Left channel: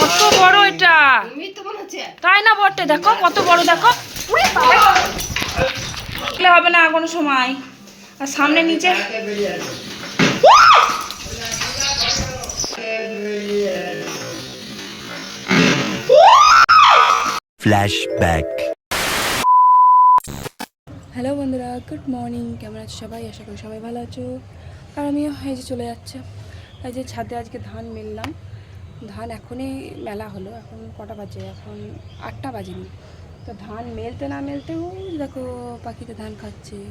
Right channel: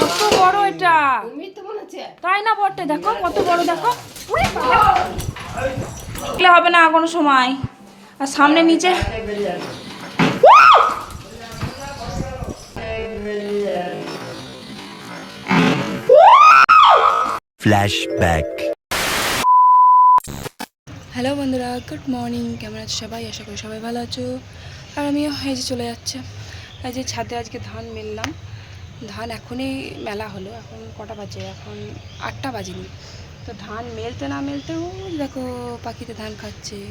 কত বড় এটা? তুমি তো হচ্ছে তাই না বটে? দেখো কত বড় দেখো। হবে না কোনো সময়। আর সামনে নিচে। Flashback. হ্যালো বন্ধুরা গুড মর্নিং কেমন আছো সবাই? আশা করি সবাই ভালো আছো। আর আমিও এই যে চলে যাচ্ছে। এই যে ছাদে আজকে ধান মেললাম। ধান এখনই মেলা হলো, এখন কটা বাজে? এখন আটটা বাজেনি। তো ধান মেলতে না মেলতে ওই দেখো পাখিতে ধান খাচ্ছে।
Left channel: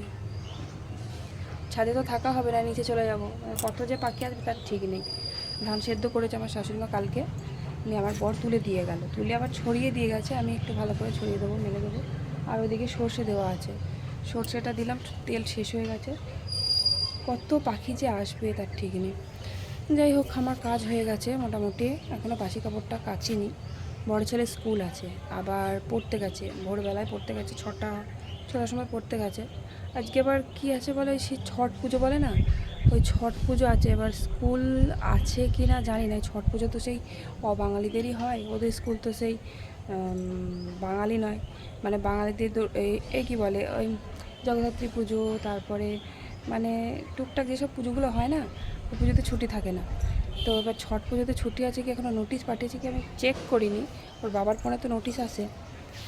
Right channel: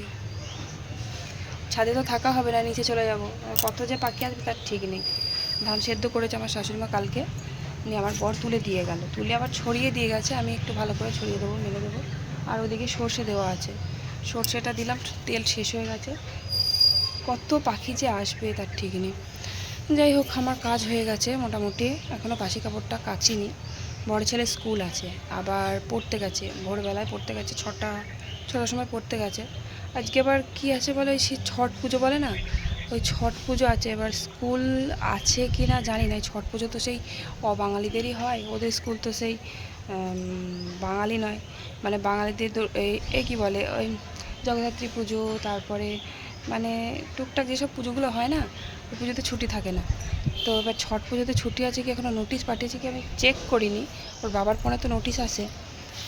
ছাদে তো থাকা হবে না, নিচে চলে যাব। কত যে পাখি আসবে তার ঠিক নেই। ধান সেদ্ধ করেছে আমার শাশুড়িমা কালকে। নিয়ে আমার বর তুলে দিয়ে গেল। তুলে আবার ছড়িয়ে দিয়ে গেছে, আমি একটু ভালো করে ছড়িয়ে দেবো, মেলে দেবো। আর ওদিকে সর্ষে দেওয়া আছে। সর্ষেটা দিলাম, তেল শেষ হয়ে গেছে। কত পাখি যে আসবে তার ঠিক নেই। যাই হোক, আমার কাজ হয়ে গেছে মোটামুটি। এখনও বাসি কাপড়টা কাচিনি। বড় ছেলে স্কুল আছে, আবার পড়তে গেছে। ভোরবেলায় পড়তে গেছে, ছটা, ছটার সময় পড়তে গেছে। আজকে আবার কি আছে বলে সেই ছট পুজো বলে না? ওই ছট পুজো আছে। এবার স্কুল আছে কি না জানি না। ছট পুজো তো সেই অবাঙালিদেরই হয়। ওদের স্কুল তো সেই বাঙালি নয়। মানে বাঙালিদের এ কী বলে, ওই জগদ্ধাত্রী পুজো তারপরে মানে টুকটাক যেসব পুজোগুলো হয় না, ওই পুজোতে ছুটি থাকে না। তো এবার ছট পুজোতে ছুটি আছে কি এখনও নোটিশ পাঠিয়েছে কি আমি চেক করিনি। ওর বাবার ফোনে তো নোটিশ আসে।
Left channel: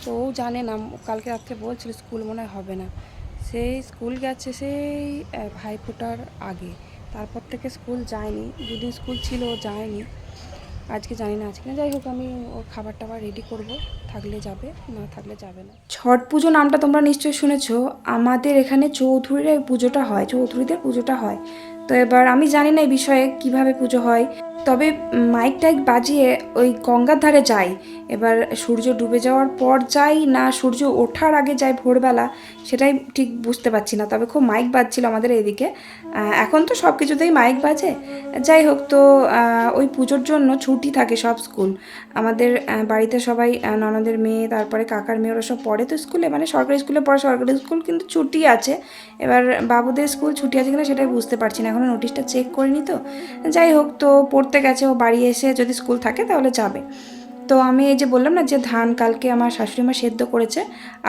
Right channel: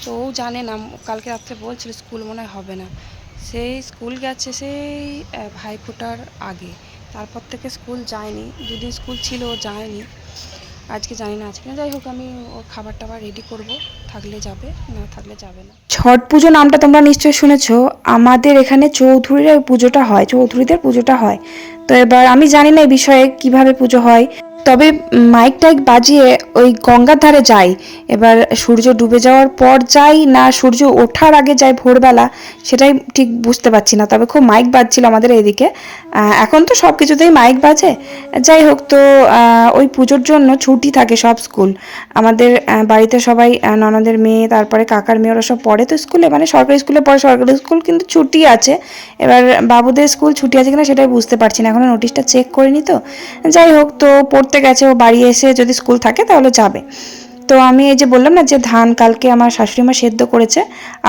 তো ও জানে না, কালকে রাত্রে বলছিল স্কুল মনে হবে না। সেই স্কুল গেছে সেই ভাইফোঁটার আগে। তারপর থেকে স্কুল যায়নি। দুদিন স্কুল ছিল, ও যায়নি। আজকে জানি না, আজকে না, যাই হোক আমি ওর খাবার টাবার রেডি করব। থাকলে যাবে, না থাকলে যাবে না। ছট পুজো নামটা তোমরা নিশ্চয়ই শুনেছ। আমাদের এখানে চৌধুরীর পুজোটা হয়, চৌধুরীদের পুজোটা হয়। তো এবার আমি জানি না এই বিষয়ে কীভাবে পুজো হয়। তবে মাইক টাইক বাজিয়ে ওই গঙ্গার ধারে যাই। এবার সূর্য ডুবে যাওয়ার পর যাই না সূর্য ওঠার আগে যাই ভোরবেলা, সেটাই ঠিক বুঝতে পারছি না। তবে খুব মাইক বাজছিল আমাদের এদিকে। এখন তো সব কিছুতেই মাইক বাজে। যাই হোক তো ওই পুজোর জন্য ছুটি থাকে সব স্কুল। আমাদের বাড়িতে সবাই ননদের মেয়ে, তারপরে কাকার মেয়ে, ওরা সব পড়ে তো স্কুলে। মানে সরকারি স্কুলে পড়ে, সরকারি স্কুল কিন্তু ছুটি আছে। এবার বাবুদের স্কুল ছুটি আছে কিনা সেটাই বুঝতে পারছি না। এখনও নোটিশটা চেক করিনি তো। যাই হোক তো, পড়তে গেছে, ও বাড়ি এসে যদি স্কুল থাকে তাহলে যাবে। তো আমি এই যে বললাম না যে ধান কালকে আমার শাশুড়ি মা সেদ্ধ করেছে,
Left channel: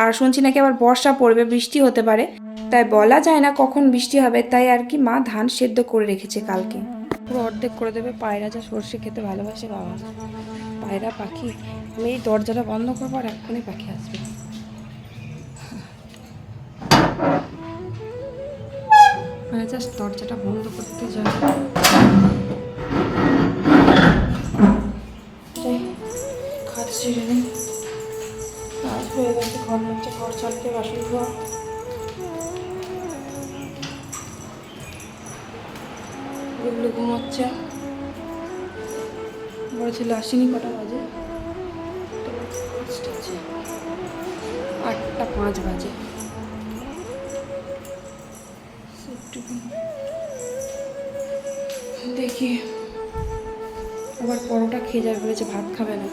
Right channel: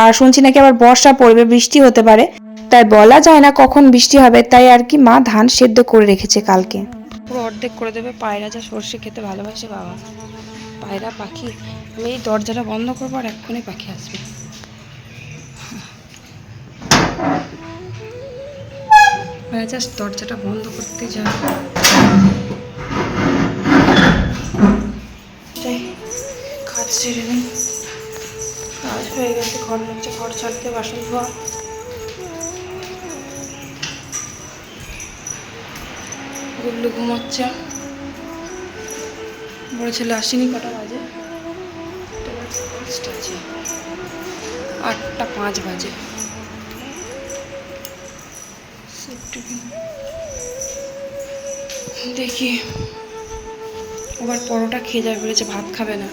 আর শুনছি নাকি আবার বর্ষা পড়বে, বৃষ্টি হতে পারে। তাই বলা যায় না কখন বৃষ্টি হবে, তাই আর কি মা ধান সেদ্ধ করে রেখেছে কালকে। পুরো অর্ধেক করে দেবে, পায়রা যা সর্ষে খেতে ভালোবাসে বাবা। পায়রা, পাখি, আমি এই দরজাটা বন্ধ করব আর এক্ষুনি পাখি আসবে। জাস্ট দরজাটা বন্ধ করতে যা। সেরে নিই কাজ হয়ে গেছে ঘর মুছে ঘর ছাড়তে, বাসন ধোয়া। গুবলু ঘুমাচ্ছে। বড় ছেলে আসেনি কটা বাজে? আটটা পাঁচ বাজে। দেখি। আবার পরোটা খেয়ে যাবে বলেছে, ভাত খাবে না।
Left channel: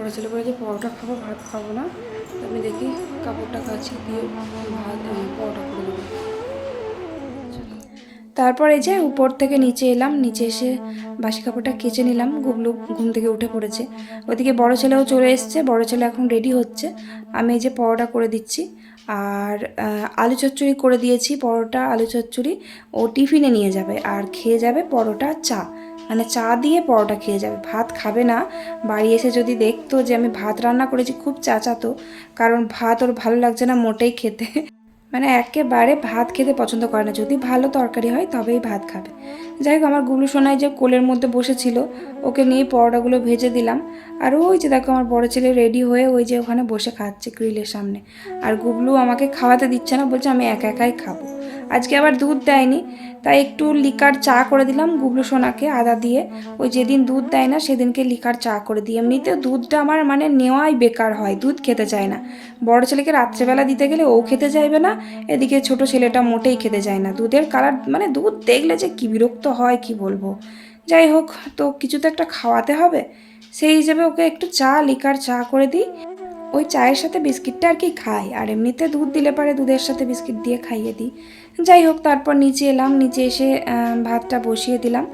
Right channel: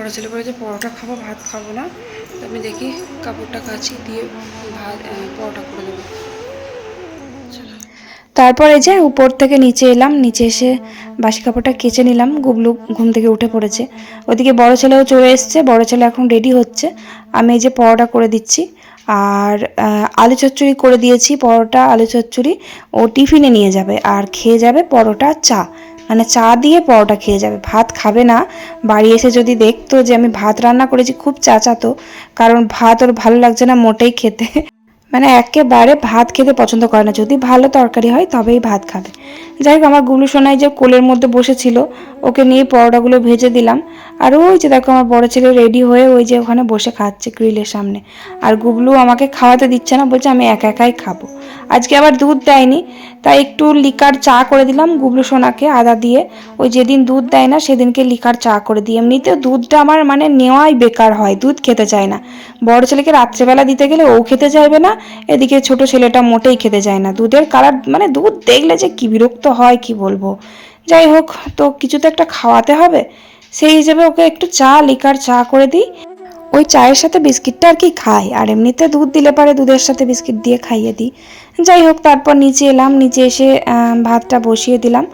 বড় ছেলে বলেছে, পরোটা খাব, ভাত খাব না। আমি দেখি কাপড়টা কাছি দিয়ে ভাত পরোটা করে দেবো। তারপরে যে উপর থেকে নিচে এলাম, নিচে এসে বাসি কাপড়টা কেচে নিলাম, গুবলু ঘুম থেকে উঠে পড়েছে। ওদিকে বড় ছেলেও চলে এসছে, বড় ছেলে এখন রেডি হচ্ছে। আমি এই যে পরোটা করে দিচ্ছি, আর আলু চচ্চড়ি করে দিয়েছি, পরোটা, আলু চচ্চড়ি। ও টিফিনে নিয়ে যাবে, আর খেয়ে যাবে পরোটা, চা। মানে চা দিয়ে পরোটা খেয়ে যাবে। ভাত খাবে না। বাড়ি এসে যদি দেখতো যে আমি ভাত রান্না করেছি, খুব চাচাতো। কারণ ভাত ওর ভালো লাগছে না মোটেই খেতে। মানে একেবারে ভাত খেতে পছন্দ করে না। যদি ভালো তরকারি হয়, তবেই ভাত খাবে। যাই হোক, আমার গুলু সোনাই যে কোলের মধ্যে বসেছিল, ওকে নিয়ে পরোটাগুলো ভেজে দিলাম। আর ওই যে দেখো, আমার বড় ছেলে রেডি হয়ে ওই যে ওখানে বসে খাচ্ছে গ্রিলের সামনে। আর গুবলু আমাকে খাওয়াতে দিচ্ছে না, বলছে আমি একা একাই খাব। আজকে আবার দুধ দেয়নি, তাই একটু লিকার চা করে দিলাম গুবলু সোনাকে আদা দিয়ে। ওই যেদিন দুধ দেয় না, সেদিনকে লিকার চা করে দিই। এমনিতেও দুধটা আমার মানে নেওয়াই বেকার হয়, দুধ খেতে চায় না। বড় ছেলেকে রাত্রেবেলা দিতে গেলে ও খেতে চাইবে না, এদিকে ছোট ছেলেটা মোটেই খেতে চায় না। দুধের কালার মানে দুধ দেখলে যে কি বিরক্ত হয়, কি বলব? যাই হোক, তো কিছু তো একটা খাওয়াতে হবে। সেই হিসেবে ওকে একটু চা, লিকার চা করে দিই। ওই চায়ের সাথে বিস্কিটটা আর কি খাই, আর এমনিতে দুধ দিলে পারে দুধের সাথে বিস্কিট দিয়ে খাইয়ে দিই। যাই হোক, তারপর নিচে এলাম, নিচে এসে ভাতটা বসিয়ে দিলাম।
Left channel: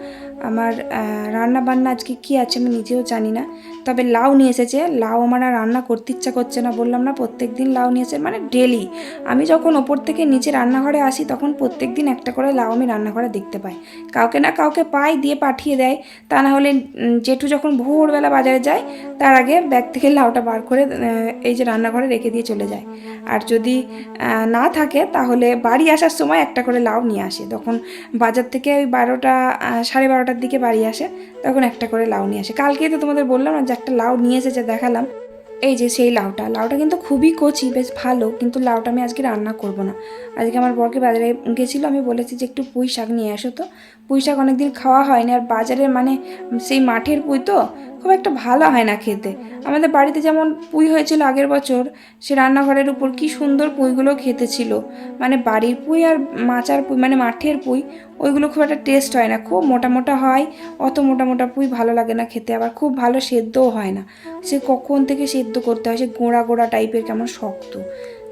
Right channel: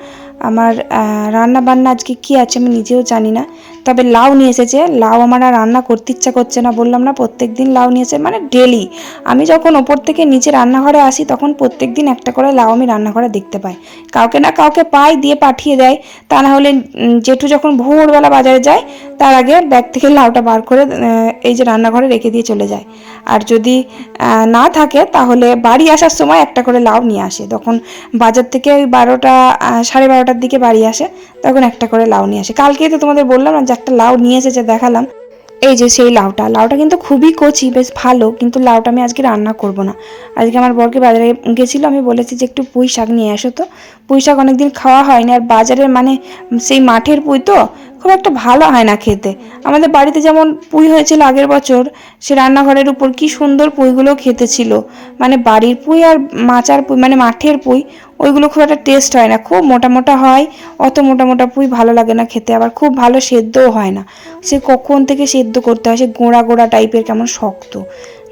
আমার রান্না বান্না আজকে কি আছে আমি নিজেও জানি না। তবে লাউ নিয়ে এসেছে। লাউ আমার আর রান্না করতে ইচ্ছা করছে না, বললাম না প্রত্যেক দিন লাউ নিয়ে এসে মানে ডেলি আমি যখন ওপর থেকে নিচে রান্নাঘরে আসি, তখন প্রত্যেক দিন একটা করে লাউ আমি রান্নাঘরে দেখতে পাই। কাউকে না কাউকে পাই, দিয়ে পাঠিয়ে দেয়। তা না হলে জেঠু যখন ভোরবেলা বাজারে যায়, তার আগে ব্যাগ থেকে লাউটা বার করে এই যে রান্নাঘরে রেখে দিয়ে চলে যায়। আর যদি না থাকে, তাহলে বাড়ি আসার সময় একটা করে লাউ নিয়ে আসে। তখন বাজার থেকে ওই বারোটা সাড়ে বারোটার দিকে বাড়ি আসে, তখন একটা করে লাউ নিয়ে আসে। কালকেই তো তোমাদের বললাম না একটা লাউ নিয়ে এসেছে দেখালাম, এই যে সেই লাউটা। লাউটা কিন্তু খুবই কচি, বেশ ভালো, কিন্তু লাউটা আমি আজকে রান্না করব না। আজকে আমার বরকে বাজারে গেছিল, আমি বলেছি যে একটু পুঁই শাক নিয়ে আসো তো। পুঁই শাক অনেকদিন খাওয়া হয়নি, আর বাজারের মানে সেই মাঠের পুঁই তো খুব একটা ভালো হয় না খেতে। আমাদের বাড়িতে যেমন পুঁই হয়েছিল আগের বছর, সে রান্নাঘরের উপর কি সুন্দর পুঁইগুলো খেতে ছিল মানে বাড়ির পুঁই আর মাচার পুঁই মানে মাঠের পুঁই ওইগুলো খুব একটা টেস্ট হয় না। খুব মোটা মোটা হয়, অত মোটা মোটা পুঁই ভালো লাগে না খেতে, আবার খুব ভালো সেদ্ধও হয় না। সে কখন থেকে সেদ্ধ করতে হয়, সে গোড়া গোড়া টাইপের কেমন শক্ত।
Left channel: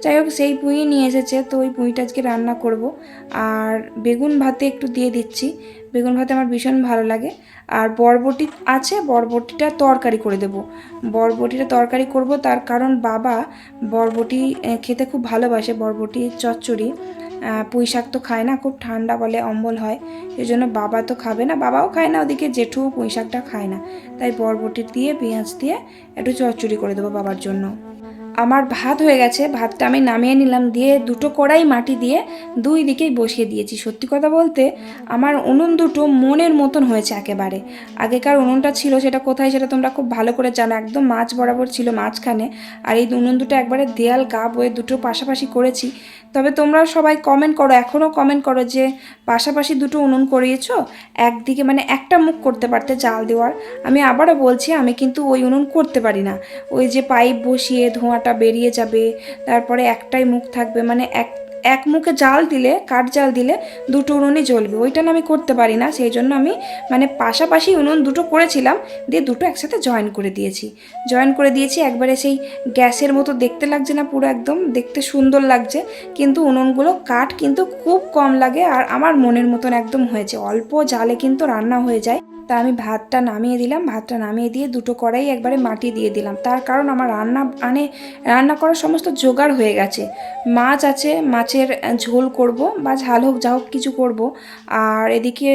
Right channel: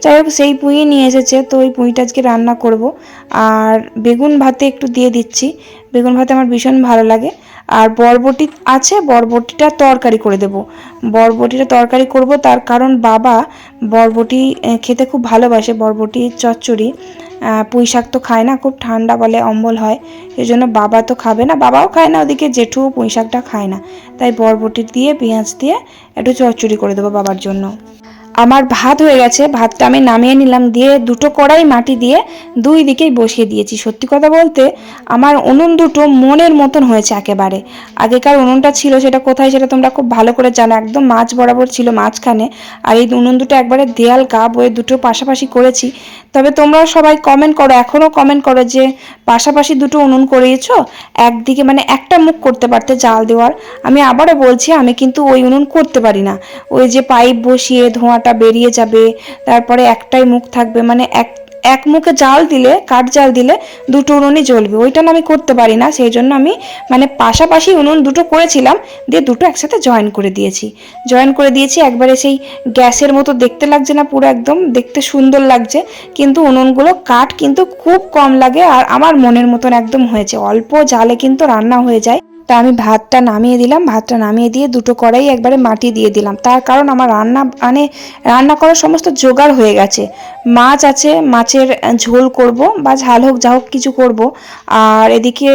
যাই হোক, সেই পুঁই নিয়ে এসেছে, তো ওই পুঁইটা আজকে রান্না করব। আর বেগুন ভাতে একটু দিয়ে দিচ্ছি। বেগুন ভাতে আমার ভীষণ ভালো লাগে। আর বরবটি আছে, বরবটিটা তরকারি করে দেব। বরবটিটা তরকারি করব, তার কারণ বাবা বরবটি খেতে খুব ভালোবাসে, বরবটি, চচ্চড়ি। পুঁই শাক তো খায় না, খুব ঠান্ডা বলে অম্বল হয় এই জন্য বাবা তো খাবে না, বাবাও খায় না, ওদিকে জেঠু পুঁই শাকটা খায় না, তাই বরবটি দিয়ে, পেঁয়াজ দিয়ে একটু চচ্চড়ি করে দেবো বাবার জন্য। আমার ভাত হয়ে গেছে, ভাতটা আমি নামিয়ে নিলাম, দিয়ে দুটো কড়াই মাটি দিয়ে দুই দিকেই বসিয়ে দিয়েছি। সত্যি কথা বলতে, আমার উনুন দুটো মনের মতন হয়েছে একেবারে। আগেকার উনুনটা ছিল সেটা কোথায় সেটা তোমরা খুব ভালো করে জানো, একদম মাছ বরাবর ছিল মাঝখানে, আর এই উনুন দুটো একবারে দেয়াল গা বয়ে দুটো পাশাপাশি করেছি। তবে তোমরাও সবাই কমেন্ট করো, এখনও কমেন্ট করো যে পাশাপাশি দুটো উনুন করিয়েছো, একদিকে মানে একটা মুখ করতে পারতে জাল দেওয়ার। আমি আবারও বলছি, আমি কিন্তু ওই উনুন করতে পারি না। ওই যে পাইপ বসিয়ে ধোঁয়াটা বেরিয়ে যাবে, তারপরে একটাই মুখ থাকবে মানে এক এক মুখে জাল দিলে, কাঠ জাল দিলে দুটো উনুনই জ্বলবে। ওইটা আমি করতে পারি না, সেই জন্য আমি মানে পাশাপাশি উনুন দুটো করেছিলাম, দিয়ে দুটো একসাথে জয়েন করে দিয়েছি। জয়েন করে দিয়েছি, একবারে সেই গ্যাসের মতো দেখতে লাগছে না পুরো একদম, দেখতে সুন্দর লাগছে, কিন্তু উনুনগুলো কাঠ কিন্তু খুব কম লাগে, আর আমার মনের মতন একদম হয়েছে। অল্প জালে কিন্তু রান্না হয়ে যায়। তা আমি ভাতটা নামিয়ে দিলাম। ভাতটা নামিয়ে দিয়ে দুটো কড়াই একবারে মাটি দিয়ে দিলাম। তার কারণ আমার রান্না মানে রান্না করার সমস্ত জোগাড় হয়ে গেছে। মাছ আছে, মাছের ঝোল করব বা ঝাল হোক, যা হোক কিছু করব। আর এদিকে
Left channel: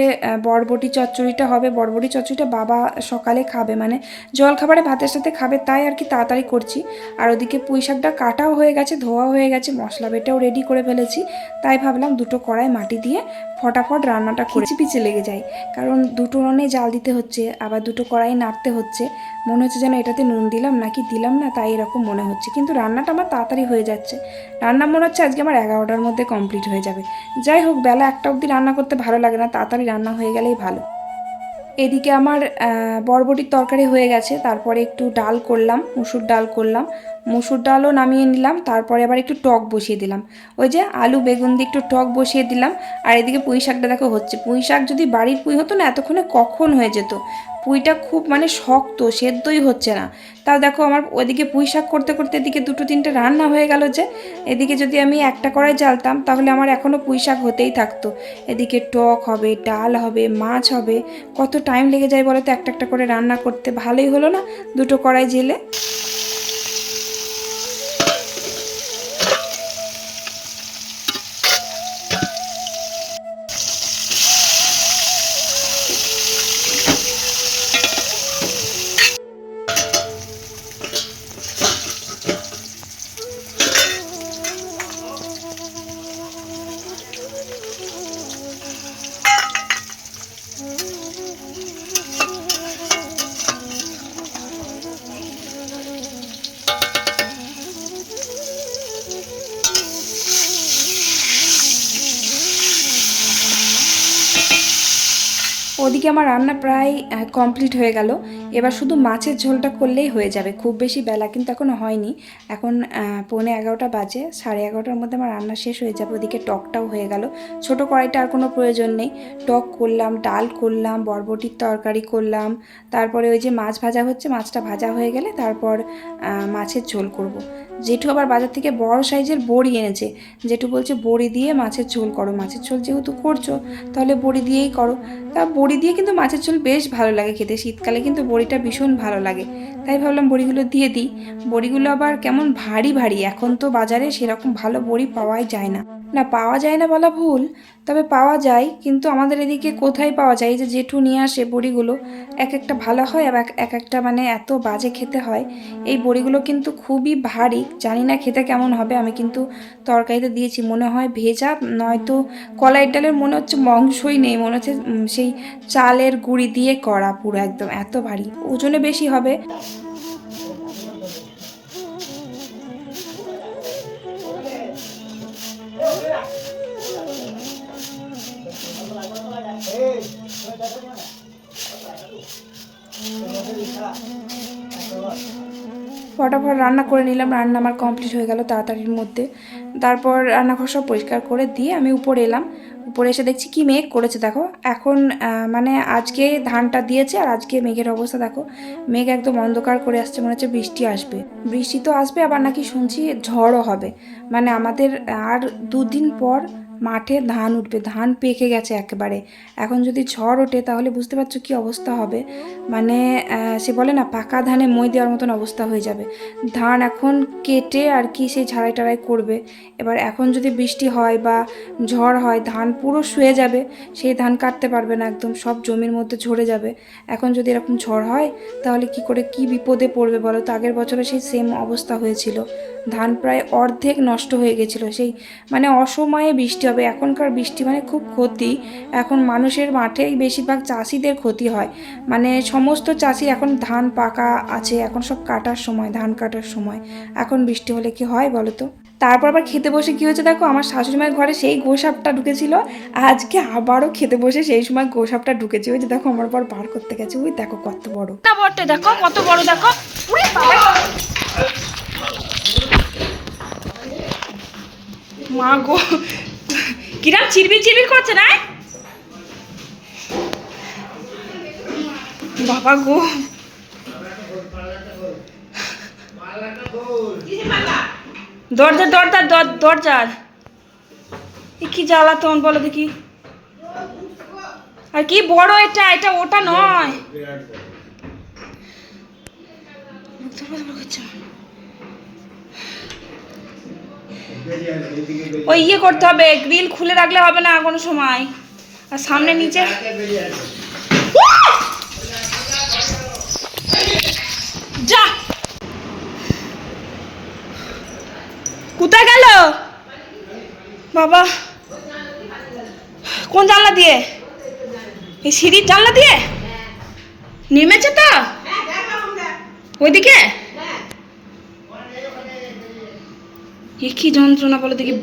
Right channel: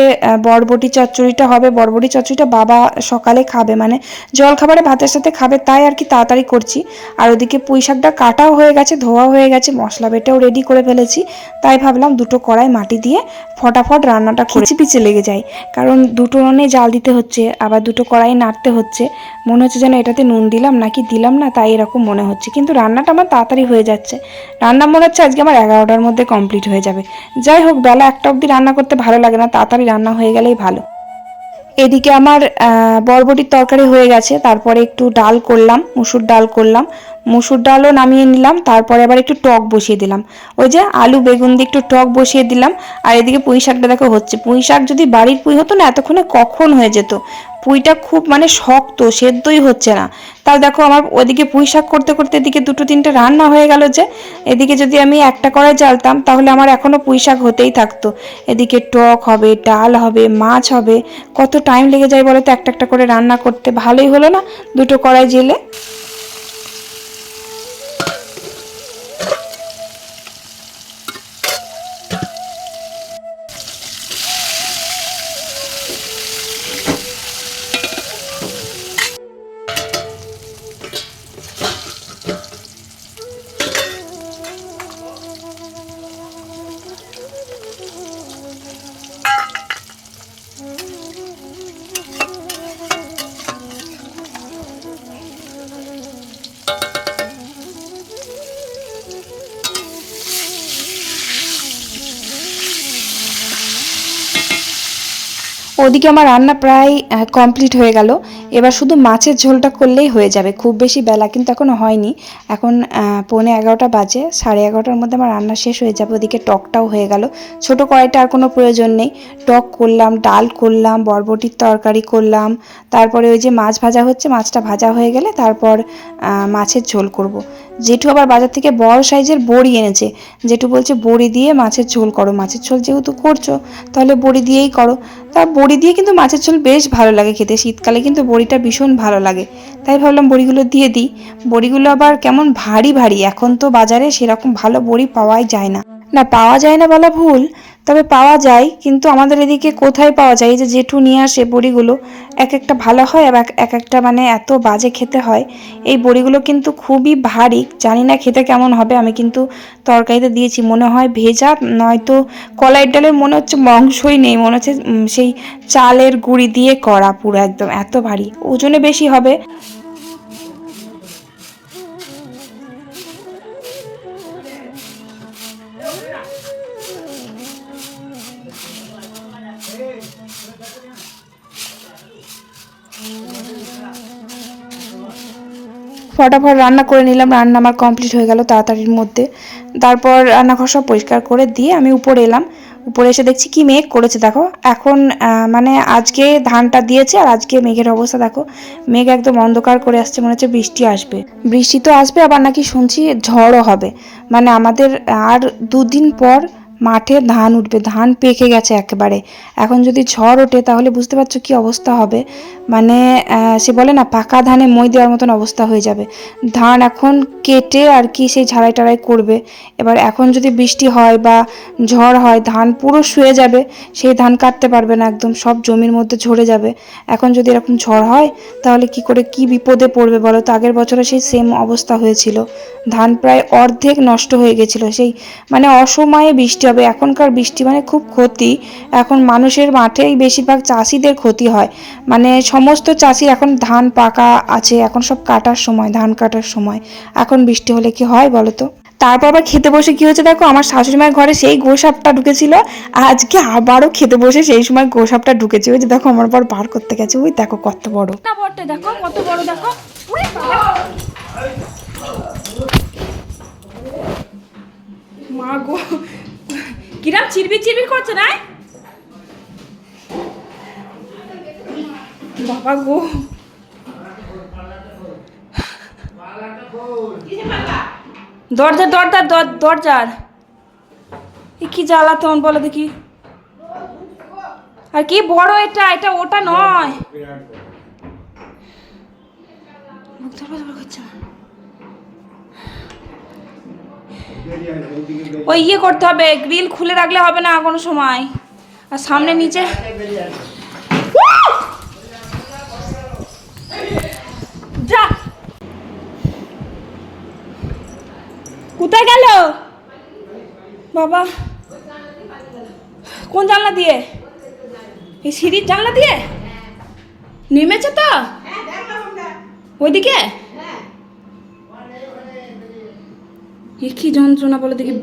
বরবটি চচ্চড়িটা হবে। বরবটি চচ্চড়িটা বাবা সকালে খাবে মানে জল খাবারে ভাতের সাথে খাবে, তাই আর কি তাড়াতাড়ি করছি। আর ওদিকে পুঁই শাকটা কাটাও হয়ে গেছে ধোয়া হয়ে গেছে, মশলা বেটেও রেডি করে ফেলেছি। তাই ভাবলাম দুটো কড়াই মাটি দিয়ে ফটাফট রান্নাটা খিচি পিচে লেগে যায়। কারণ দুটো উনুনে জাল দিতে হচ্ছে, আবার দুটো কড়াই নাড়তে হচ্ছে। মনে হচ্ছে যেন এটাতে নুন দিলাম নাকি দিলাম না, তাই এরকম মনে হচ্ছে। কিন্তু রান্নাটা আমার তাড়াতাড়ি হয়ে যাচ্ছে। রান্না মনে হচ্ছে আজকে আমার এগারোটার মধ্যে কমপ্লিট হয়ে যাবে। যাই হোক, বেলা একটা অবধি রান্না করতে ভালো লাগে না, তাড়াতাড়ি রান্না হয়ে গেলেই ভালো। এদিকে আমার বরবটির তরকারি হয়ে গেছে, তারপরে একটু ডাল করলাম, মুসুর ডাল করলাম। মুসুর ডালও নামিয়ে নিলাম, তারপরে আবার একটু টক বসিয়ে দিলাম। ওই যে আলু বেগুন দিয়ে একটু টক বসিয়ে দিলাম, আর এদিকে পুঁই শাকটা দেখো হচ্ছে। পুঁই শাক যদি বাড়ির পুঁই হতো না, এতক্ষণে কখন হয়ে যেত? পুঁইটা খুব মানে শক্ত, সেদ্ধই হচ্ছে না। তাও দেখো আমার ওদিকে পুঁই শাক করতে করতে এদিকে দুটো তিনটে রান্না হয়ে গেল যে, এদিকে যদি আমি একটা করে জ্বালতাম, তাহলে আমার এখনও পুঁই শাক হতেই থাকতো। এদিকে টক হবে, ডাল হবে, মাছ হবে, কত টাইম লেগে যায় বলো তো, একটা একটা করে রান্না করতে ভালোই হলো না? দুটো কড়াই জেলে ওদিকে আমার রান্না প্রায় কমপ্লিট হয়ে গেল। এবার শুধু মাছের ঝোলটা করলেই হয়ে যাবে। খুব বেশি বেলা কিন্তু এখনও হয়নি। এখন পৌনে এগারোটা বাজে, সাড়ে এগারোটার মধ্যে আমার রান্না শেষ হয়ে যাবে। ওদিকে টকটাও হয়ে গেল। ছোট কড়াইটা আর কোনো প্রয়োজন নেই। টক করলাম, ডাল করলাম, বরবটির তরকারি করলাম। তারপরে ওই যে মাছ ভাজা হচ্ছে, মাছটা ভাজা হয়ে গেলে তারপর মাছের ঝোল করব। জেঠু আবার বাজার থেকে বড় সাইজের বড়ি এনেছে। জেঠু বলছে, বড়ি দিয়ে মাছের ঝোল করো। মাছের ঝোল যেহেতু করছ, তাহলে বড়ি দিয়েই করো। তা বড়ি দিয়ে কিন্তু মাছের ঝোল বেশ ভালো লাগে খেতে। শীতকালে কিন্তু বড়িটা ভীষণ ভালো লাগে। তাই ভাবলাম বড়িগুলো দিয়ে দিই। বড়িগুলো আবার কেমন ভারী ভারী। এখন তো বাজারে সেরকম ভালো বড়ি পাওয়াই যায় না। না, পাওয়া যায় না বলা ভুল। তবে পাওয়া যায়, কিন্তু আমাদের এদিকে কোথায় পাওয়া যায়? যে জেঠু নিয়ে আসে বড়িগুলো, এক একটা ভালো হয় আর এক একটা মানে এত বাজে খেতে হয়। এই বড়িগুলো কিন্তু খুবই ভারী, জানি না খেতে কেমন হবে, আমি কিন্তু তরকারিতে দিয়েছি, মনে হয় ভেজা, নয়তো কলাইয়ের ডালের মনে হচ্ছে মাংসই নেই, মনে হচ্ছে সেই চালের গুঁড়ি দিয়ে করা পুরো একদম, এত ভারী, ওজনে বেশি হবে। ফটাফট রান্না করে নিলাম, রান্না আমার কমপ্লিট হয়ে গেল তাড়াতাড়ির মধ্যে। তারপর রান্নাঘর সব পরিষ্কার করে দিয়ে আমি উপরে এলাম। উপরে এসে দেখছি কি মেঘ করেছে, দেখো। এখন মানে আজকে ধানটা দিয়েছে আর আজকে মেঘের অবস্থা, দেখো। মেঘ একদম অন্ধকার করে আসছে, মনে হচ্ছে বৃষ্টি আসবে। বৃষ্টি তো আসবে, আবার নাকি শুনছি ঝড়ও হবে। মানে আমাদের আর দুদিন পর মাঠে ধান উঠবে, ধান পেকে গেছে একেবারে। এখন যদি ঝড় ওঠে, তাহলে বুঝতে পারছ কি অবস্থা হবে। মানে সে বলে না, পাকা ধানে মই দেওয়ার মতন অবস্থা হয়ে যাবে। ধান এখন কেটে আর কি সেই ঝাড়াই টাড়াই করবে। এবার এখন যদি বৃষ্টি হয় বা ঝড় হয়, ধান পুরো শুয়ে যাবে, সেই ধান কাটতে পারবে না একদম, সব জমির মধ্যে ঝরে যাবে। এখন যদি এরকম ঝড় হয়, তাহলে কি করে, কি বিপদে পড়বে বলো তো? আগের বছরে সেই সেম অবস্থা হয়েছিল। ধান প্রায় অর্ধেক নষ্ট হয়ে গেছিল। সেই মানে অসময়ে বৃষ্টি হবে এখনকার বৃষ্টি মানে খুব ক্ষতি। এখন মানুষের মাঠেই বেশিরভাগ চাষিদের ক্ষতি হয়। মানে সমস্ত চাষির এখন ধান পাকা আছে, এখন সব কাটার সময়, ধান কাটার সময়। এখন বৃষ্টি হলে কি হয় বলো তো? তারপর আবার খেতে বসে কি হচ্ছে দেখো? আমার শাশুড়ি মায়ের ঘরে সেই গোসাপটা ঢুকেছিল। আজকে আবারও খেতে বসে সেই সময় গোসাপটা ঢুকেছে। ওই যে দেখো আমার পর বার করতে গেছে। ওই দেখো কত বড়। না দেখো কত বড়, দেখো। মা গো কিরাম চিরবির চিরবির করছে না বাবা গো। দরজা দরজা দর- দরজার এ কি জ্বালাতন বলো দেখি। আর কি বড় এটা এটা ওটা নয় মুখ ধরবো ধরবো করছে আমার। ওই ইয়ে করতে হবে গ্রিল খুলে রাখলে হবে না কোনো সময়। আর সামনে নিচে যা। কোথায় গেল? বাবা। কোন জানলা দিয়ে? এই সিঁড়ির জানলা দিয়ে? নেমেছে তো? ওইদিকে? এ কি যন্ত্রণা বলো দেখি।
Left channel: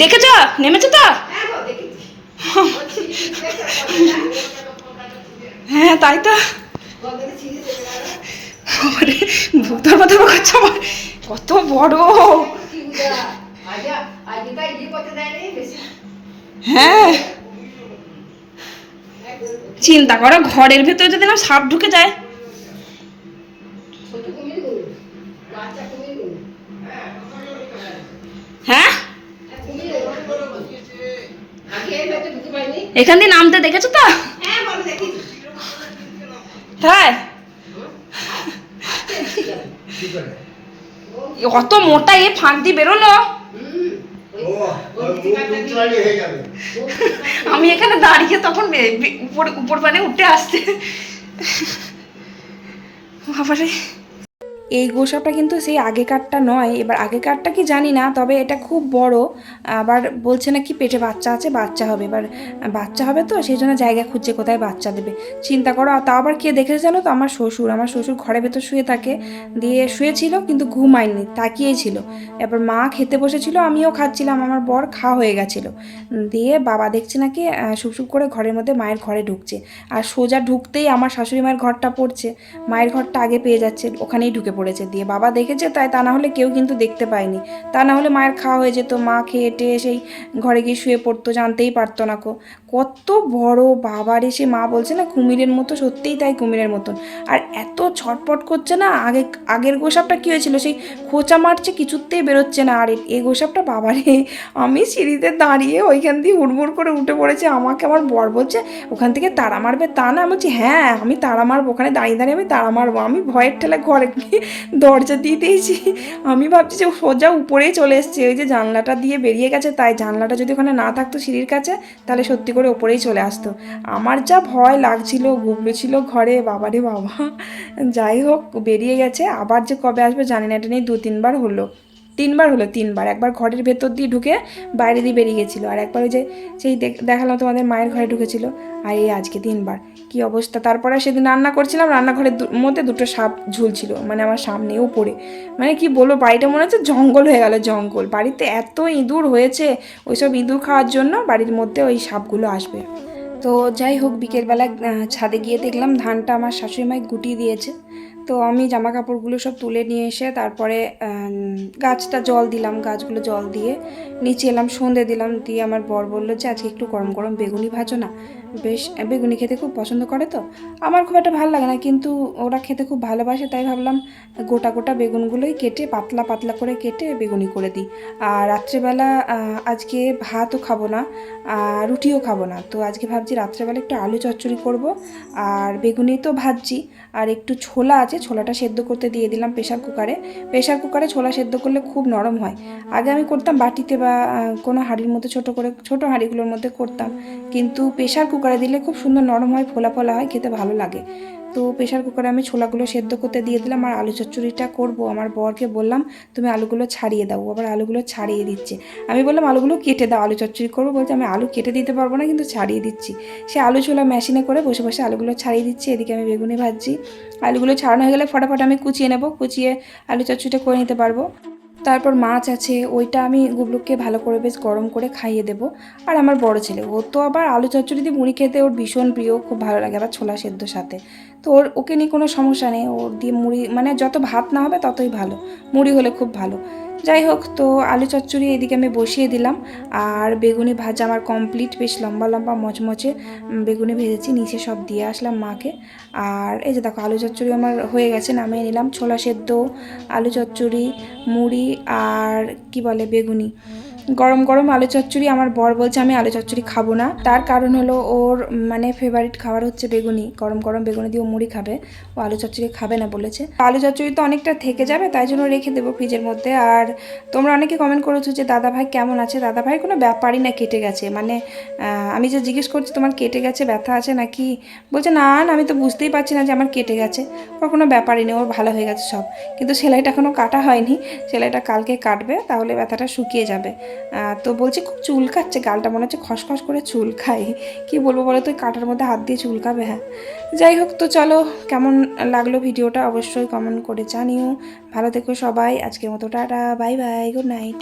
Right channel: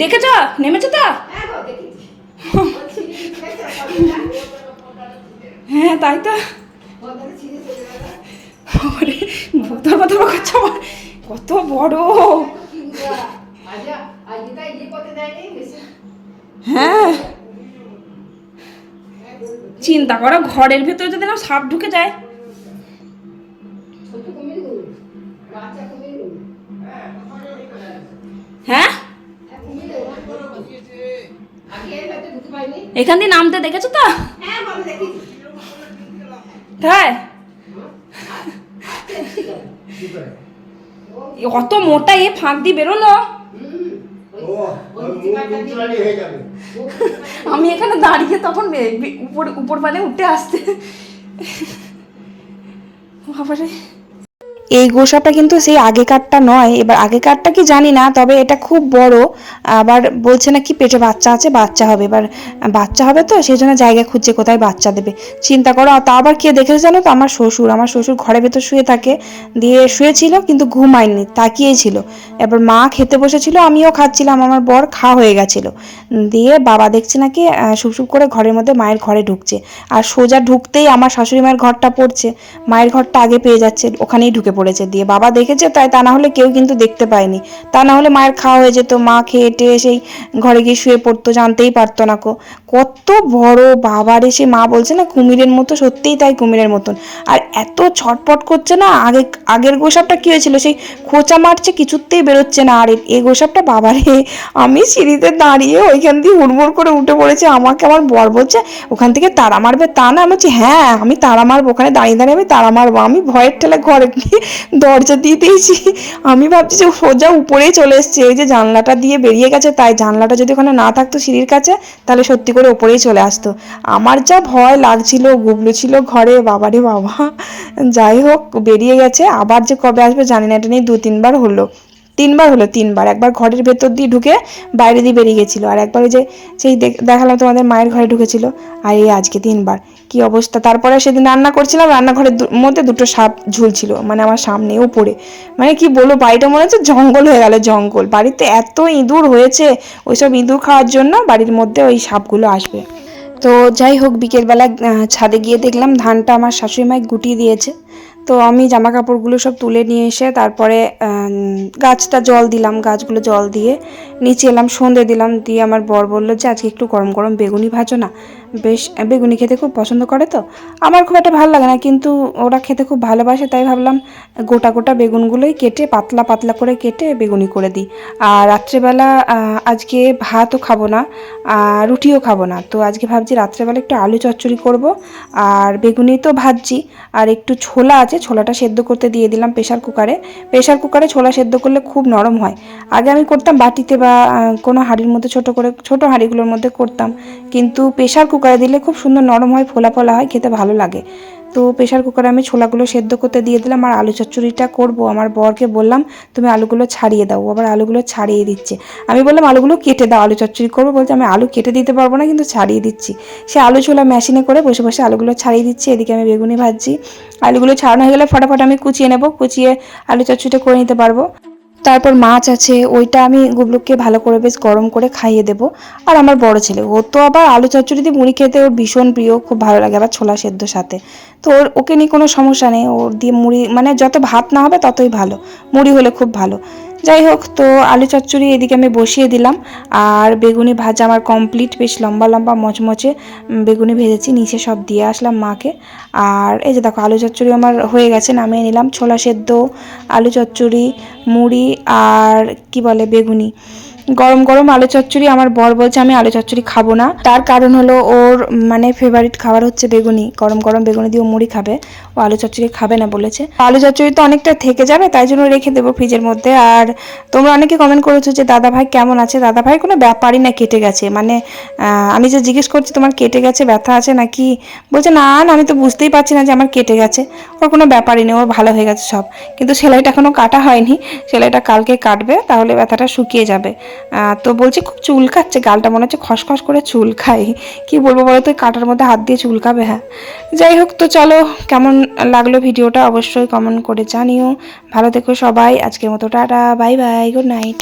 দেখেছ? নেমেছে তো? হ্যাঁ তাই তো। ধরবা ধরবা আমার। কত বড়। হ্যাঁ। চিন্তা করো, ঘরের ভেতরে যদি না সাপ ঢুকে যায় এখান দিয়ে নামতে দেখেছ তো? হ্যাঁ অত মোটা এ ফাঁক দিয়ে বেরোলো। আমি এখানে দাঁড়িয়ে তখন উপর উপর মানে উঠে আসতে। বাবারে। এই গোসাটা কিন্তু সেই আগেকারটা নয়। এবার আগেকারটা কি জানি না তবে এটা খুব বড়। আবার বলছে না কি পেটে বাচ্চা আছে বাচ্চা হবে। এবার বাচ্চা হবে তো সেই জন্য জায়গা খুঁজছে কোথায় বাচ্চা দেবে। চিন্তা করো তা আবার কে দেখেছে জানো তো? আমার শ্বশুর। আমার শ্বশুর ঘরের ভেতর শুয়ে থাকে। দিয়ে শুয়েছিল কিন্তু ঘুমায়নি তাকিয়েই ছিল এবার মা খেতে বসেছিল আমিও খাচ্ছিলাম। আমার বর খা হয়ে গেছিল। দিয়ে বাবা দেখছে নাকি আহ, সুপ করে ঘরের মধ্যে মায়ের ঘরে ঢুকছে। আর সোজা ঢুকতেই আমার শাশুড়ি মায়ের ঘরটা পড়ছে। মায়ের ঘরটা আগে পেয়ে যাচ্ছে ওখানেই ঢুকে পড়েছে দিয়ে বাবা দেখেছে, তাই তা না হলে কেউ কিন্তু দেখতে পায়নি। তা না হলে মায়ের খাওয়া হয়ে যেত, মা খেয়ে টেয়ে সেই ঘরে গিয়ে শুয়ে পড়তো, জানতেই পারতো না কো। কত বড় বাবার এসে মা বলছে না, কুমিরের মতো, সত্যিই তাই কুমিরের মতন। আর এত ছটপট করছে না, আগে, আগের গোসাপটা কি হয়েছিল? সেই খোঁচা মারছে, কিছুতেই বেরোচ্ছে না। আর এই গোসাপটা বাবারে, আমি সিঁড়িতে দাঁড়িয়ে ওইখান দিয়ে হুড়মুড় করে উঠে পড়েছে, আমাকে আমার বর বলছে, ওখান থেকে তারা মারবে তা না? আমি বলছি হ্যাঁ আমি তারা মারবো, ওখানে দাঁড়িয়ে দাঁড়িয়ে আমি তারা মারবো, আমি ভয়ের ঠেলে ঘরে গিয়ে দরজা দিয়ে দিয়েছি। আমি ভাবছি যে সোজা উপরেই চলে এসছে, এই যে জানলাটা দিয়ে বেরিয়ে গেছে, তাই জানলাটা যদি ওখানে না থাকতো সিঁড়ির কাছে, তাহলে সত্যি করে ওপরেই চলে আসতো। আমার যা ভয় লাগছিল গুবলু ছিল ঘরে, বাবারে বাবা। যাই হোক, বেরিয়ে গেছে। আবার যে কবে আসবে জানি না, এটা নিয়ে দু তিনবার হলো। তিনবার হলো, তিনবার। একবার ঘরের ভেতর দিয়ে ঢুকে বাইরে দিয়ে বেরিয়ে গেছিল। আর একবার ওই যে সেই দেখ- দেখালাম তোমাদের মায়ের ঘরে ঢুকেছিল। আর এই আজকে তিনবার। কি অবস্থা? তারপরে সেদিন রান্না করছিলাম, রান্নাঘরের মধ্যে দুটো সাপ ঝুলছিল। মানে আমার সামনে, উপরে। মানে কি বলব, বাড়িটা মনে হচ্ছে জঙ্গল হয়ে গেল, জঙ্গল। বাড়িতে এত ইঁদুর হয়েছে, ওইসব ইঁদুর খাওয়ার জন্য বাড়ির মধ্যে ওই সাপগুলো আসবে। তো যাই হোক, বিকেলবেলা ছাদে গিয়ে দেখলাম ধানটা আমার শাশুড়ি মায় গুটিয়ে দিয়েছে। তো আমি জামা কাপড়গুলো সব তুলে নিয়ে এসে তারপরে গাছটা জল দিলাম, গাছগুলো জল দিয়ে নিচে এলাম, সন্ধে দিলাম, দিয়ে আমার বর বলল যে আজকে একটু গরম গরম বেগুনি ভাজো না। বেশ, বেগুনি খেতে খুব পছন্দ করে তো। আমার খুব একটা ভালো লাগে না, কিন্তু ওরা খেতে খুব ভালোবাসে, তাই ভাবলাম গোটা গোটা বেগুনগুলোই কেটে, পাতলা পাতলা করে কেটে বেগুনি করে দিই। আর রাত্রেবেলা আজকে ভাতও খাব না আর রুটিও খাব না। তো আজকে ভাবছি রাত্রেবেলা একটু আলু চচ্চড়ি করব, আর বেগুনি তো ভাজছি, আর একটু ছোলা আছে ছোলাটা সেদ্ধ করতে দিয়ে দিলাম প্রেশার কুকারে। প্রেশার কুকারে ছোলা সেদ্ধ করলে খুব নরম হয়। আগে আমি করতাম বাটিতে বা কোনো হাঁড়ির মধ্যে ছোট করে, ছোট হাঁড়িগুলোর মধ্যে করতাম। কিন্তু প্রেশার কুকারে দিলে খুব সুন্দর নরম হয়, ফোলা ফোলা হয়, খেতে ভালো লাগে। তো প্রেশার কুকারে আমি ছোলাগুলো সেদ্ধ করতে দিয়ে দিলাম আর আলু চচ্চড়িটা করব। আমার বরকে বললাম, তুমি আলুগুলো ছাড়িয়ে দাও। আবার আলুগুলো ছাড়িয়ে দিচ্ছে। আমি বললাম, আলুগুলো কেটে দাও, আলু চচ্চড়ি করব। বলতে আমি আলু কেটে দিতে পারব না, কিন্তু ছাড়িয়ে দিচ্ছি। সে আলু ছোলা মেশিনে করে বসে বসে আলুগুলো ছাড়িয়ে দিচ্ছি। এদিকে আমি বেগুনি ভাজছি। আলুগুলো ছাড়ানো হয়ে গেলে ফটাফট আমি কুচিয়ে নেব। কুচিয়ে আলু চচ্চড়িটা করে নিতে পারব। তারপর মাছ আছে, ওইটা আমি গুবলুককে ভালো করে বেশ গরম করে খাইয়ে দেবো। আর আমার বড় ছেলে, ও তো আবার আলু চচ্চড়ি দিয়ে মুড়ি খেতে ওর ভীষণ প্রিয়, খুব ভালো লাগে আবার ছোলা সেদ্ধ সাথে। তো ওর, ওকে নিয়ে কোনো সমস্যা নেই, ওর দিয়ে মুড়ি মানে যত ভাত না হবে ততই ভালো, মুড়ি হলে খুব ভালো। যাই হোক, তো আলু চচ্চড়ি এদিকে আমি বসিয়ে দিলাম। আর বেগুনি ভাজা আমার কমপ্লিট বেশ লম্বা লম্বা, মচমচে বেগুনি ভেজেছি, নিচে সব দিয়ে আসলাম মাকে। আর এই যে দেখো, আলু চচ্চড়ি আমার হয়ে গেছে, নামিয়ে নিলাম। ছোলা সেদ্ধ, আলু চচ্চড়ি, মুড়ি, আর কি বলে, বেগুনি। গরম গরম আলু চচ্চড়ি, আমার বর বলছে আমি আলু চচ্চড়ি খাব না। তার কারণ হলো ওর মানে ফেভারিট খাবার হচ্ছে বেগুনি। গরম গরম বেগুনি দিয়ে মুড়ি খাবে। ও আলু চচ্চড়ি খাবে না বলেছে। আলু চচ্চড়ি তো অনেকটা থেকে যাবে, তাই জন্য রেখে দেবো ফ্রিজের মধ্যে। আর তোমরা অনেকে কমেন্ট করেছ যে, দাদা ভাই কেমন আছে? দাদা ভাই কোনো ব্যাপারই না, কেটে গেছে। মানে আমি যে জিজ্ঞেস করছি, তোমার কেটে গেছে, ব্যথা আছে নাকি? বলছে, না না, আমি তো বুঝতেই পারছি না যে আমার কেটে গেছে। ওর কোনো ব্যাপারই নেই, ওর ভালো হয়ে গেছে সব। কিন্তু সেলাইটা এখনও কাটা হয়নি। সেলাইটা কালকে কাটবে, তাহলে ব্যথাটা শুকিয়ে যাবে। তো বলছি, খুব চুলকাচ্ছে গালটা, মনে হচ্ছে খসখস করে চুল খাই। কি বলব বলো তো কাটার মধ্যে হাত দিয়ে চুলকাবে হ্যাঁ। যাই হোক, তো চলো, কেমন লাগল ভিডিওটা অবশ্যই কমেন্ট করে জানিও। ভালো থেকো সবাই, আজকের মতো tata, bye bye good night